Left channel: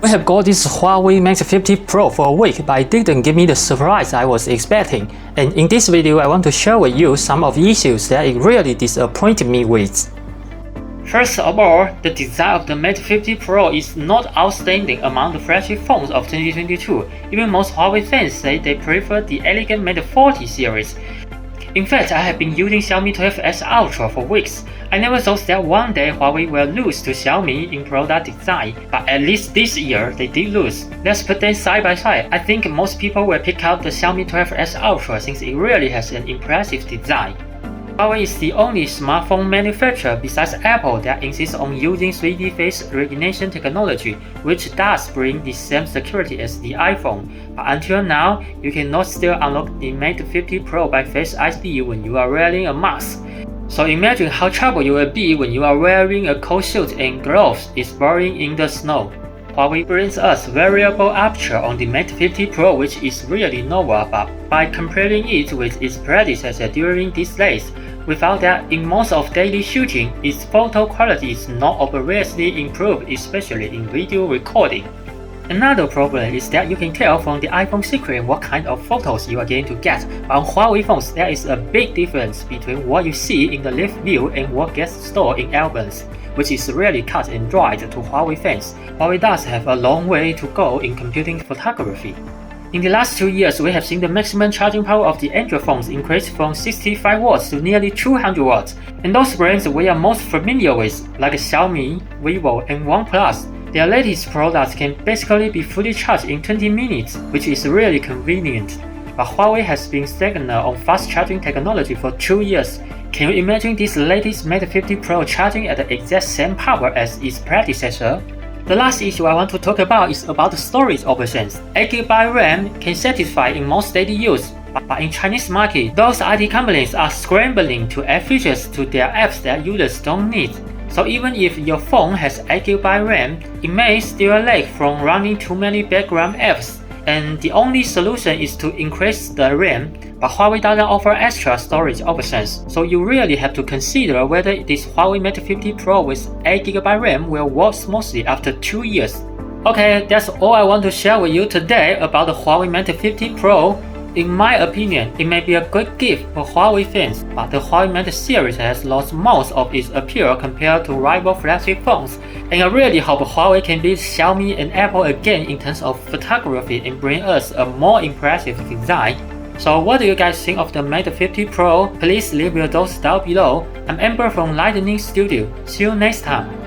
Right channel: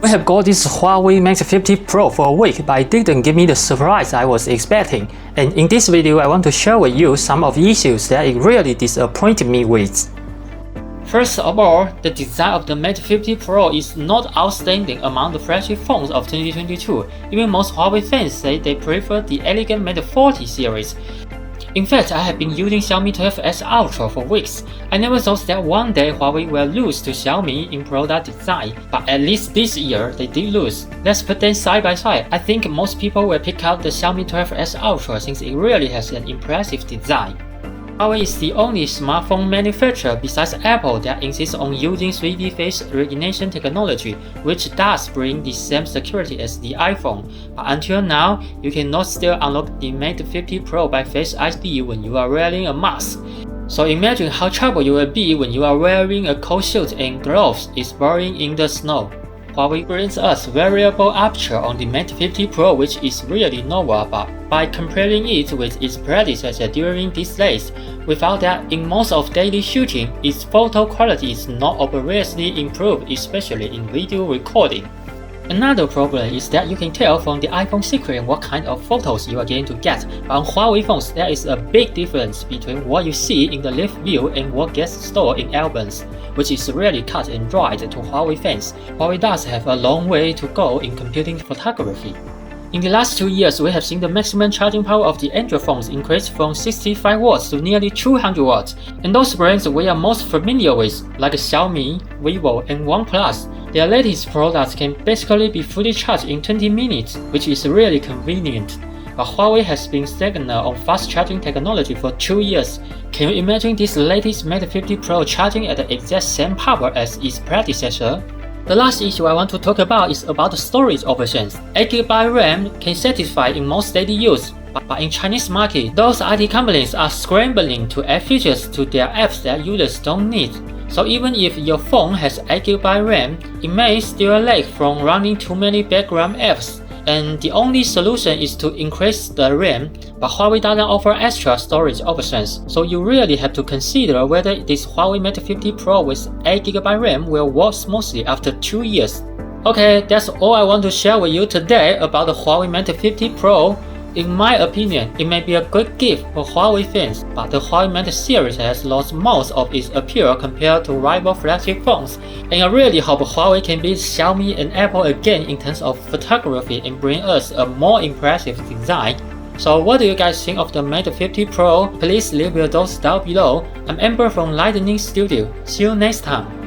We have got this Huawei Mate 50 Pro for a week, but it didn't give me the surprise I was expecting. And in this video, I want to share with you some of the issues that it really disappointed me with. First of all, the design of the Mate 50 Pro is not outstanding among the flagship phones of 2022. Even most Huawei fans say they prefer the elegant Mate 40 series. In fact, I have been using Xiaomi 12S Ultra for weeks. I never thought that one day Huawei will lose to Xiaomi in product design, but at least this year they did lose. Let's put them side by side. I think most people will pick out the Xiaomi 12S Ultra since it really has an impressive design. Huawei is the only smartphone manufacturer besides Apple that insists on using 3D face recognition technology, which does bring the same security as the iPhone. But until now, you cannot still unlock the Mate 50 Pro by Face ID when you are wearing a mask. So imagine how trouble you will be when you are wearing a cold suit and gloves exploring in the snow. Huawei brings us wearable Aperture on the Mate 50 Pro, which is really novel, but by comparing it with its predecessor during these days, we found that in most of daily shooting, its photo quality is not obviously improved, especially in video recording. Another problem is that you can tell from the iPhone screen what kind of photos you are going to get, but on Huawei phones there is a big difference between what you see in the live view and what gets stored in albums, which is really cut and dried to Huawei fans. Huawei does have a long way to go in computing photography. In the last 2 years, we have seen the maximum charging power of the Android phones increase from 65 watts to nearly 200 watts, and those brands we are most familiar with, like Xiaomi, Vivo, and OnePlus, their latest products can basically be fully charged in 20 minutes, which is really convenient. But Huawei has been stagnant on fast charging technology for 2 years. Can you imagine this latest Mate 50 Pro charging at the exact same power as its predecessor? The last issue I want to talk about is about the storage options. 8GB RAM can satisfy in most daily use, but in Chinese market, those IT companies are scrambling to add features to their apps that users don't need. So even if your phone has 8GB RAM, it may still lag from running too many background apps. And the only solution is to increase the RAM, but Huawei doesn't offer extra storage options, so you really have to consider whether this Huawei Mate 50 Pro with 8GB RAM will work smoothly after 2 years. Okay, that's all I want to share with you today about the Huawei Mate 50 Pro. In my opinion, it may be a good gift for Huawei fans, but the Huawei Mate series has lost most of its appeal compared to rival flagship phones, and I really hope Huawei can beat Xiaomi and Apple again in terms of photography and bring us a more impressive design. So what do you guys think of the Mate 50 Pro? Please leave your thoughts down below. I'm Amber from Lightning Studio. See you next time.